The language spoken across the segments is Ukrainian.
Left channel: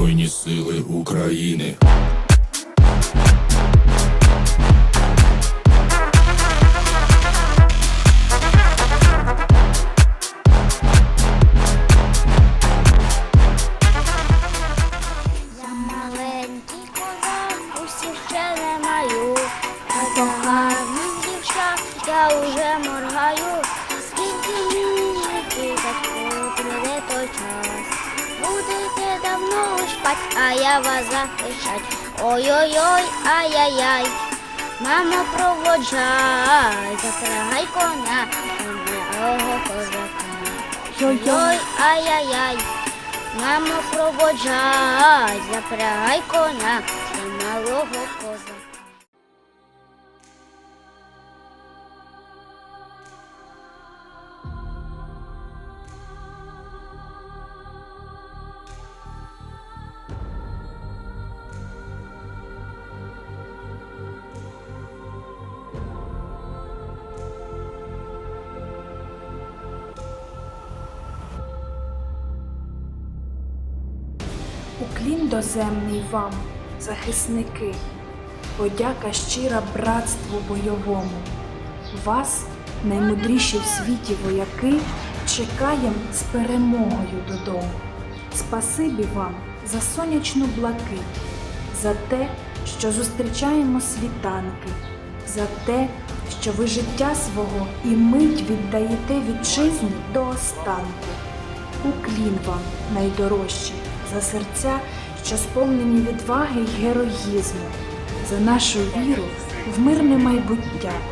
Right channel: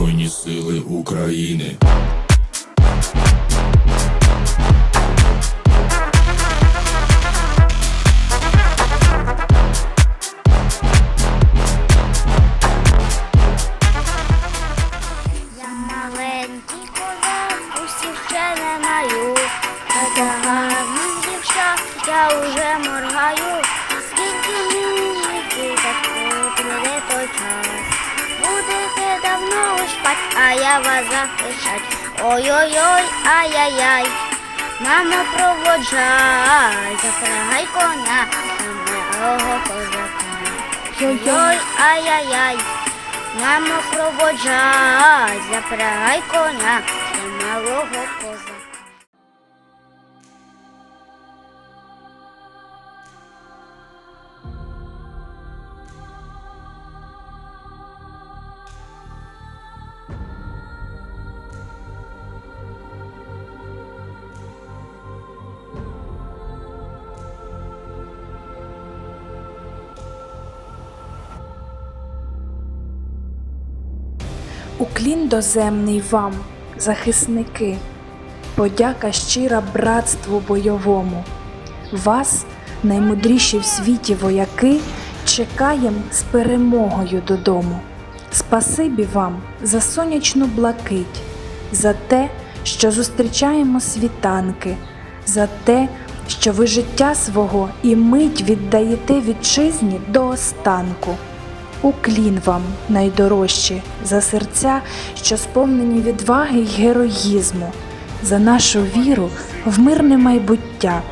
Збройні сили України. Я маленький козак, спать, а я вас захищать. Ой-ой-ой, ай-яй-яй. Мамо, проводжай, запрягай коня, мого козака. Ой-ой, ай-яй-яй. Мамо, проводжай, запрягай коня малого козака. Уклін доземний вам, захисники, подяка щира братству бойовому. Вас, наймудріші в світі вояки, чекаєм з перемогою додому. Спасибі вам за сонячну блакить, за те, що зустрічаємо світанки, за те, що ви життя свого і мить віддаєте вітчизні до останку. Уклін вам, найдорожчі, за серця, що сповнені відваги й героїзму, за нашу віру в мирне майбуття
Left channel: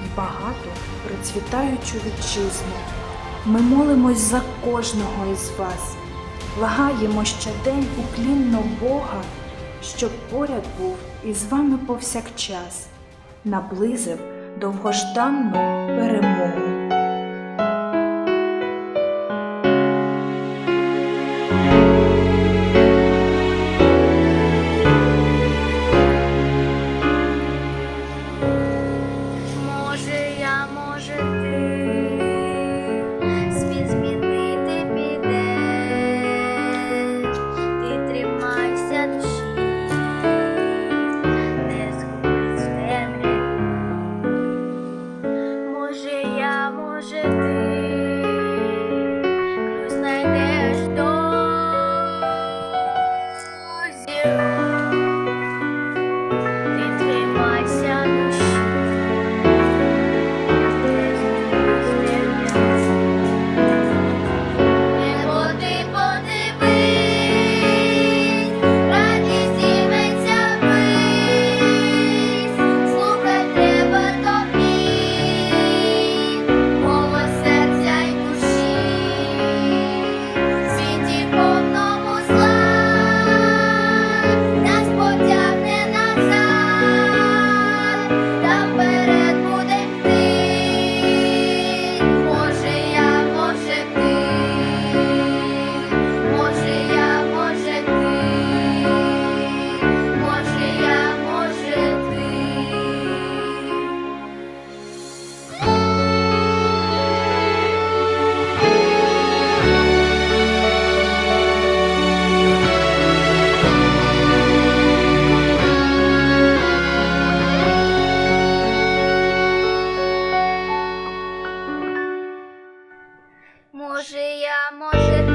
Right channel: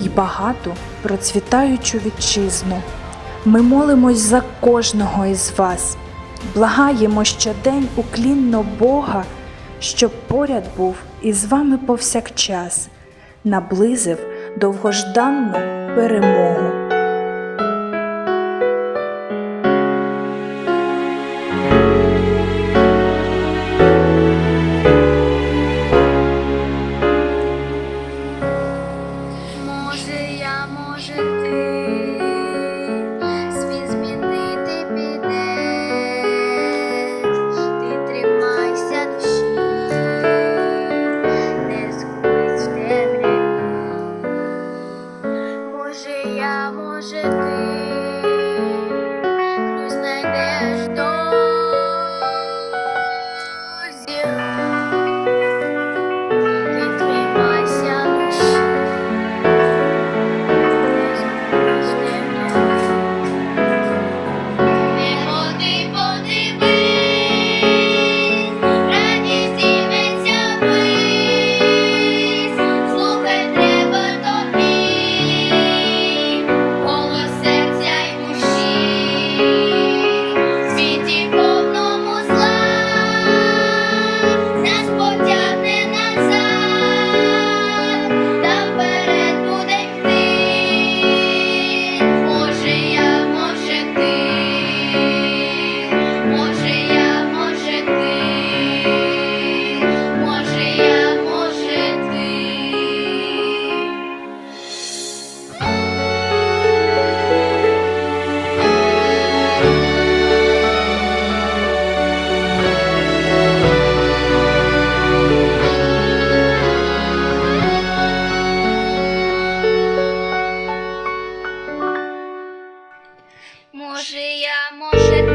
і багату процвітаючу вітчизну. Ми молимось за кожного із вас, благаємо щодень уклінно Бога, щоб поряд був із вами повсякчас, наблизив довгожданну перемогу. Може, я може.